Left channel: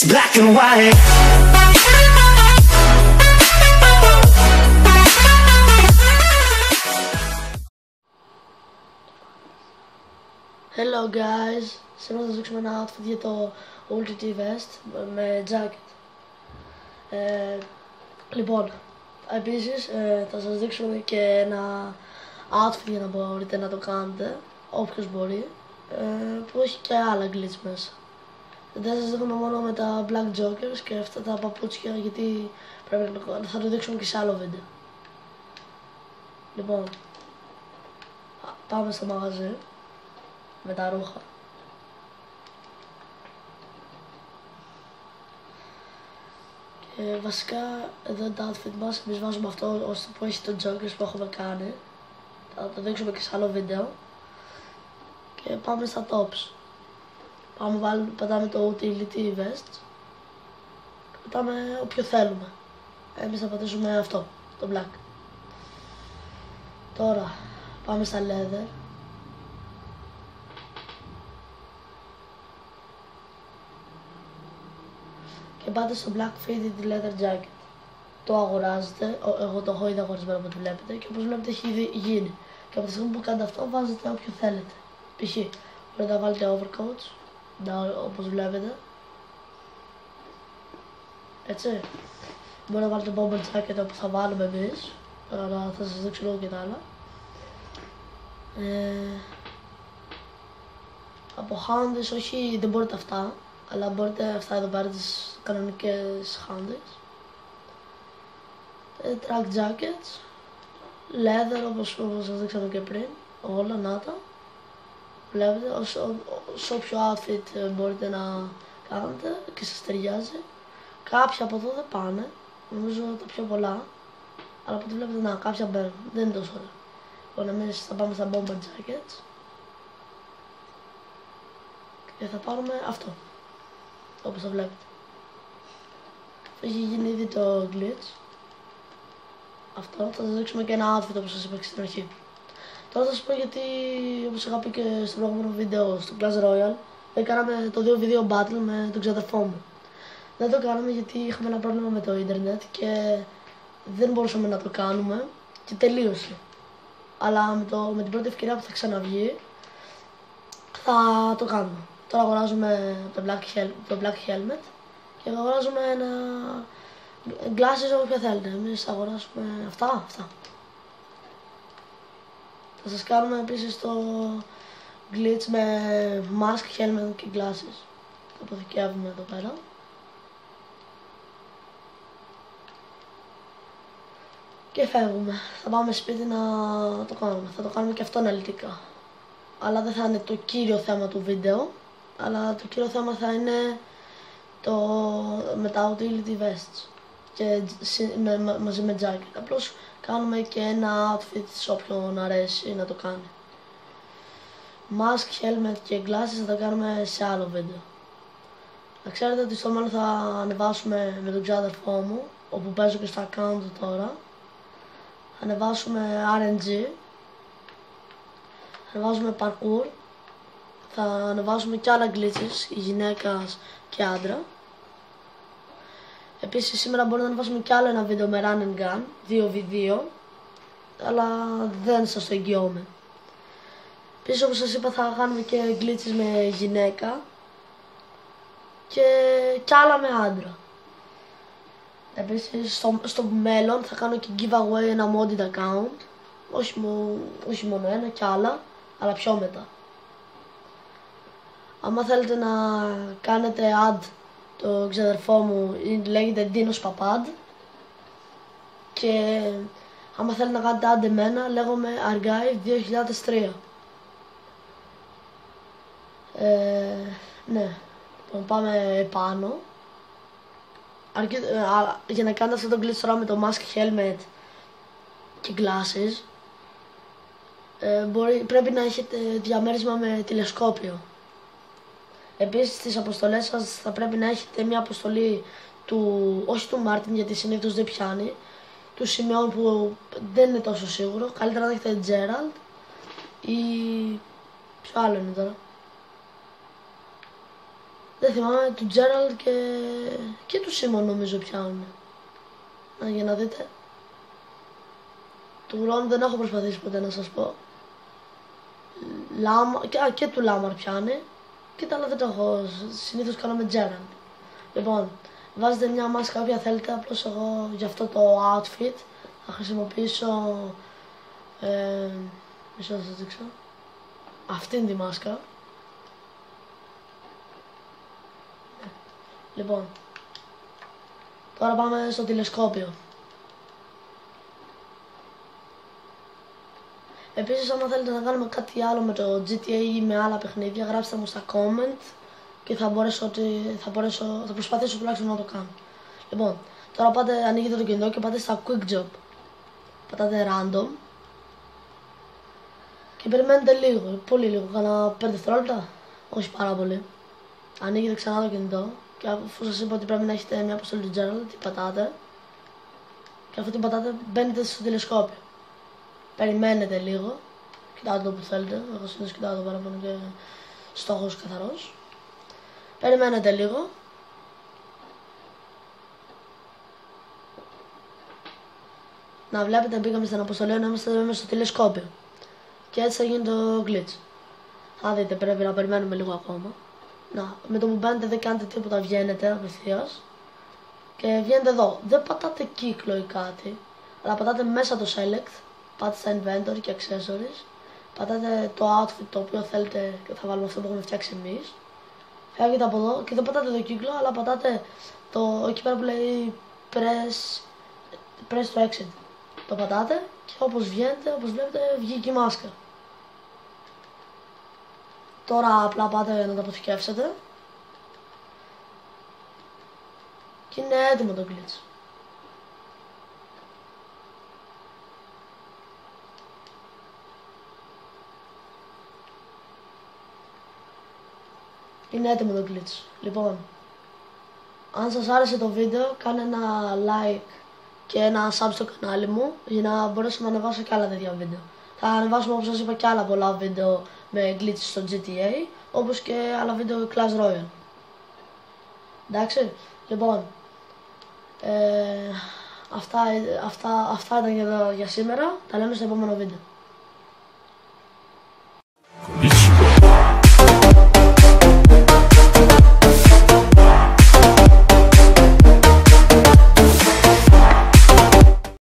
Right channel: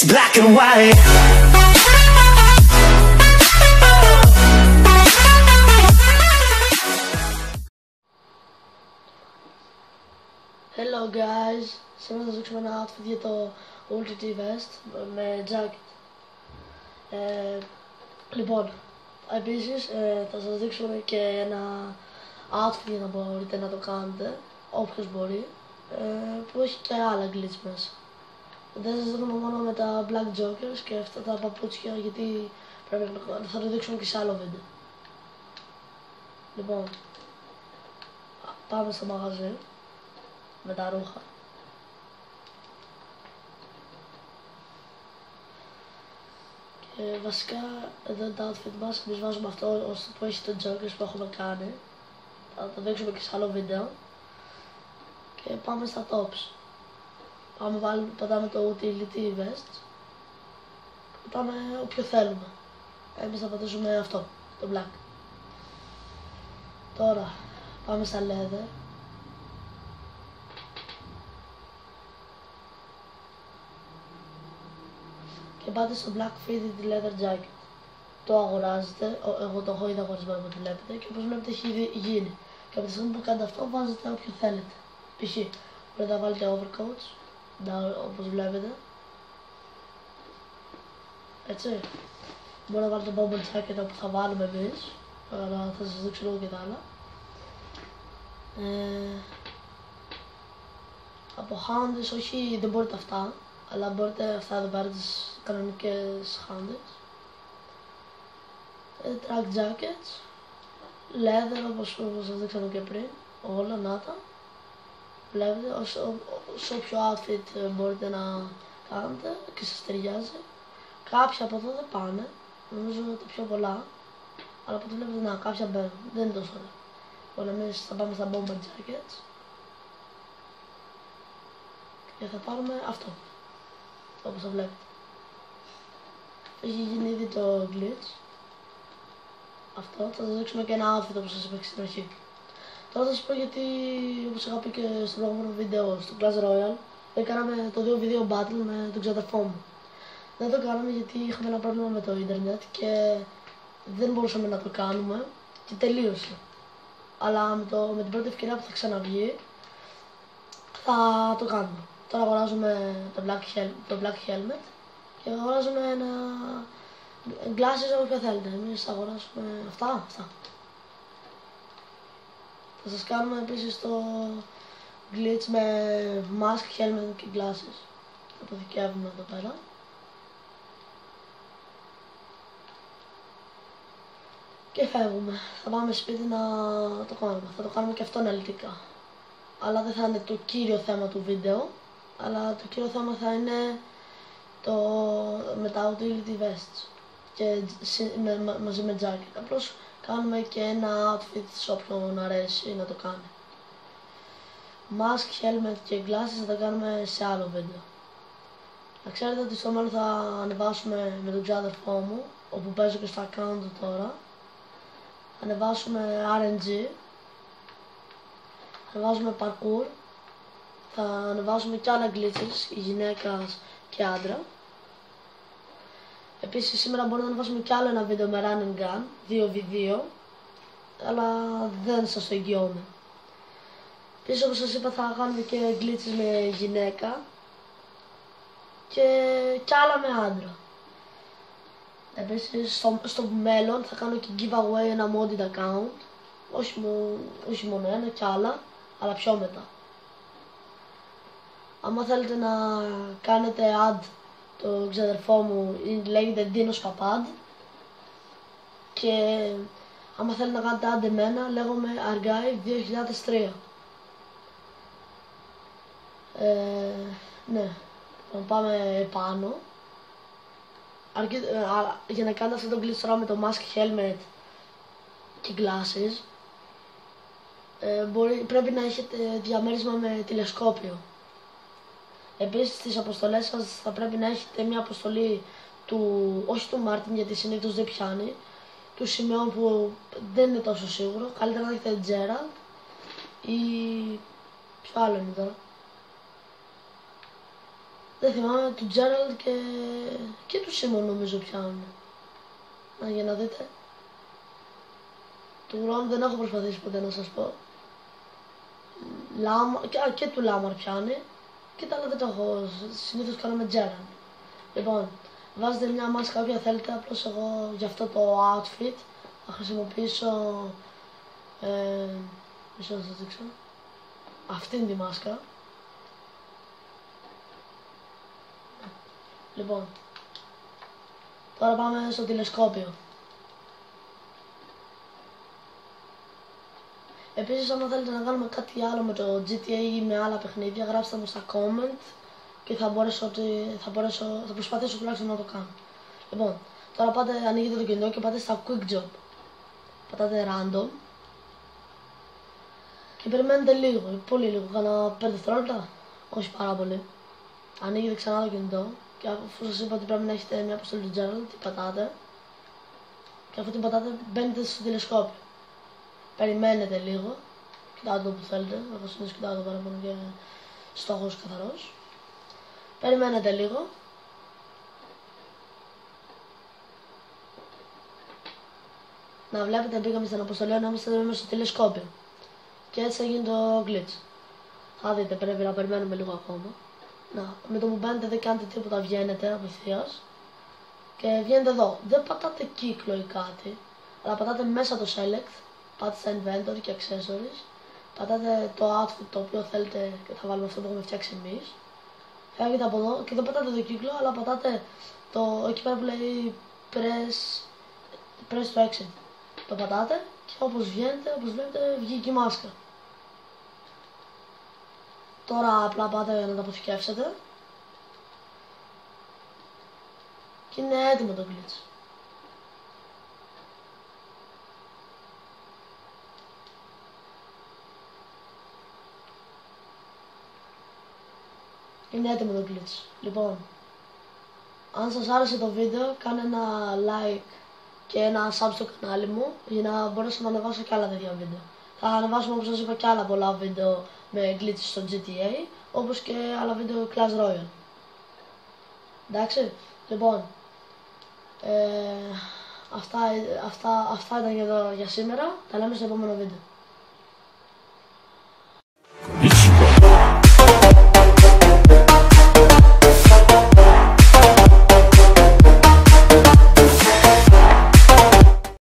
It's black and white. Hello guys, σήμερα θα σας δείξουμε ένα outfit για το OLTT vest με jacket. Λοιπόν, επίσης θα σας δείξουμε και ένα outfit για να μπορείτε να το κάνετε, όποιος μπορεί, που έχει και άλλα glitch μέσα. Δεν σας δείχνουμε μόνο με τα black jokers και αυτά τα παπούτσια, γιατί θα το δείξουμε και σε άλλο βίντεο. Λοιπόν, πάμε στο μαγαζί με τα ρούχα. Και βασικά εδώ είναι το outfit μας. Εμείς βάζουμε αυτό που έχει το jokers που έχουμε κάνει. Θα το δείξουμε και σε άλλο βίντεο. Και πάμε στα tops. Πατάμε το utility vest. Πατάμε όποιο θέλουμε. Εμείς θα πατήσουμε αυτό, το black. Τώρα πάμε στα leather. Και πάτε στο black fitted leather jacket. Το αγοράζετε, εγώ το έχω ήδη αγορισμένο που το βλέπετε, και όπως βλέπετε έχει ήδη γίνει. Και από τη στιγμή που κάνετε αυτό βάζετε όποιο θέλετε. Π.χ. μπορείτε να βάλετε overcoats, όπως βλέπετε. Έτσι. Μπορείτε να βάλετε bomber jacket όπως θα βάλουμε εμείς, αλλά θα σας δείξω λίγο και τα άλλα. Από houndies, όχι, δεν μπορείτε αυτά, αλλά μπορείτε αυτά εδώ πέρα τις κανονικές houndies. Track jackets, leather όπως σας δείξαμε και πριν, όλα να τα. Βλέπετε, σε όποιο outfit μπορείτε να κάνετε και σας ταιριάζει. Κάποια από εδώ δεν πάνε, νομίζω τα πιο πολλά, αλλά από ό,τι βλέπετε, να, κάποια μπαίνουν, δεν είναι τόσο ωραία. Λοιπόν, εμείς θα πάμε στα bomber jackets και θα πάρουμε αυτό, όπως το βλέπετε. Έχει γίνει ήδη το glitch. Αυτό, θα σας δείξουμε και ένα outfit όπως σας είπα και στην αρχή. Τώρα θα σας πω γιατί, όπως είχα πει και στο προηγούμενο βίντεο στο Clash Royale, κάναμε το 2v2 battle με τον ξαδερφό μου. Δεν το κάναμε γιατί είχαμε ένα πρόβλημα με το ίντερνετ και δεν μπορούσαμε να το κάνουμε και τελείωσε. Αλλά με την πρώτη ευκαιρία που θα ξαναβγεί θα το κάνουμε. Τώρα αγοράζουμε το black helmet και αγοράζουμε ένα glasses όποια θέλετε. Εμείς αγοράσουμε αυτά. Θα σας κάνουμε επίσης το glitch με mask, helmet και glasses. Το αποθηκεύουμε εδώ πέρα. Και φεύγουμε. Θα πάμε σπίτι να το κάνουμε. Θα το κάνουμε και αυτό αναλυτικά. Αλλά δεν θα είναι το κύριο θέμα του βίντεο. Αλλά το κύριο θέμα θα είναι με τα utility vests. Και μαζί με jacket. Απλώς κάνουμε και ένα outfit σε όποιον αρέσει να το κάνει. Mask, helmet και glasses θα τα κάνουμε σε άλλο βίντεο. Να ξέρετε ότι στο μέλλον θα ανεβάσουμε με τον ξάδερφό μου, όπου παίζω και στο account του τώρα. Θα ανεβάσουμε RNG, θα ανεβάσουμε parkour, θα ανεβάσουμε και άλλα glitches, γυναίκας και άντρα. Επίσης σήμερα μπορούμε να ανεβάσουμε και άλλο ένα βίντεο με run and gun, 2v2, αλλά δεν σας το εγγυώμαι. Επίσης όπως σας είπα θα κάνουμε και glitches με γυναίκα και άλλα με άντρα. Επίσης στο μέλλον θα κάνω και giveaway ένα modded account, όχι μόνο ένα, και άλλα, αλλά πιο μετά. Άμα θέλετε να κάνετε add το ξαδερφό μου, λέγεται Dinos Papad, και άμα θέλετε να κάνετε add εμένα, λέγομαι Argyle 2003. Ναι, λοιπόν, πάμε επάνω. Για να κάνετε αυτό το glitch τώρα με το mask, helmet και glasses, πρέπει να έχετε διαμέρισμα με τηλεσκόπιο. Επίσης στις αποστολές σας θα πρέπει να έχετε μια αποστολή όχι του Μάρτιν, γιατί συνήθως δεν πιάνει, του Σιμεών που δεν είναι τόσο σίγουρο. Καλύτερα να έχετε Gerald ή ποιο άλλο είναι τώρα. Δεν θυμάμαι, του Gerald και του Simon νομίζω πιάνουν. Για να δείτε. Του Ron δεν έχω προσπαθήσει ποτέ να σας πω. Και του Lamar πιάνει. Και τα άλλα δεν το έχω. Συνήθως κάνω με Gerald. Λοιπόν, βάζετε μια μάσκα όποια θέλετε. Απλώς εγώ για αυτό το outfit θα χρησιμοποιήσω. Μισό να σας δείξω. Αυτήν τη μάσκα. Λοιπόν, τώρα πάμε στο τηλεσκόπιο. Επίσης, άμα θέλετε να κάνουμε κάτι άλλο με το GTA ή με άλλα παιχνίδια, γράψτε μου στα comment και θα προσπαθήσω τουλάχιστον να το κάνω. Λοιπόν, τώρα ανοίγετε το κινητό και πάτε στα Quick Job. Πατάτε Random και περιμένετε λίγο, πολύ λίγο, κάνα 5 δευτερόλεπτα, όχι πάρα πολύ. Ανοίγετε ξανά το κινητό και αφού σας είπα ότι πρέπει να έχετε μια αποστολή του Gerald, την πατάτε και αφού την πατάτε μπαίνετε στο τηλεσκόπιο. Περιμένετε λίγο, κοιτάτε το που θέλετε, εγώ συνήθως κοιτάω το παραπάνω και στόχος καθαρός. Περιμένετε λίγο. Να βλέπετε μπήκαμε στην αποστολή να είμαστε μέσα στο τηλεσκόπιο. Και έτσι θα γίνει το glitch. Θα δείτε, πρέπει να περιμένουμε λίγο ακόμα. Να, με το που μπαίνετε δεν κάνετε τίποτα, βγαίνετε απευθείας. Και βγαίνετε εδώ. Δεν πατάτε κύκλο ή κάτι, αλλά πατάτε μέσα το select. Πάτε στα inventory και accessories. Πατάτε το outfit το οποίο θέλετε και θα βάλουμε αυτό που έχουμε φτιάξει εμείς. Φεύγετε από εδώ και δεν πατάτε το κύκλο, αλλά πατάτε εκεί πέρα που λέει press to exit. Το πατάτε και όπως βγαίνετε, όπως βλέπετε, βγήκε η μάσκα. Τώρα απλά πάτε να το αποθηκεύσετε. Και είναι έτοιμο το glitch. Είναι έτοιμο το glitch. Λοιπόν, αν σας άρεσε το βίντεο, κάνε ένα like και ένα sub στο κανάλι μου για να μπορέσω να ανεβάσω και άλλα τέτοια βίντεο. Θα ανεβάσουμε, όπως σας είπα, και άλλα πολλά βίντεο με glitches στο GTA, όπως και άλλα βίντεο Clash Royale. Εντάξει, λοιπόν, αυτά ήταν για σήμερα, τα λέμε στο επόμενο βίντεο.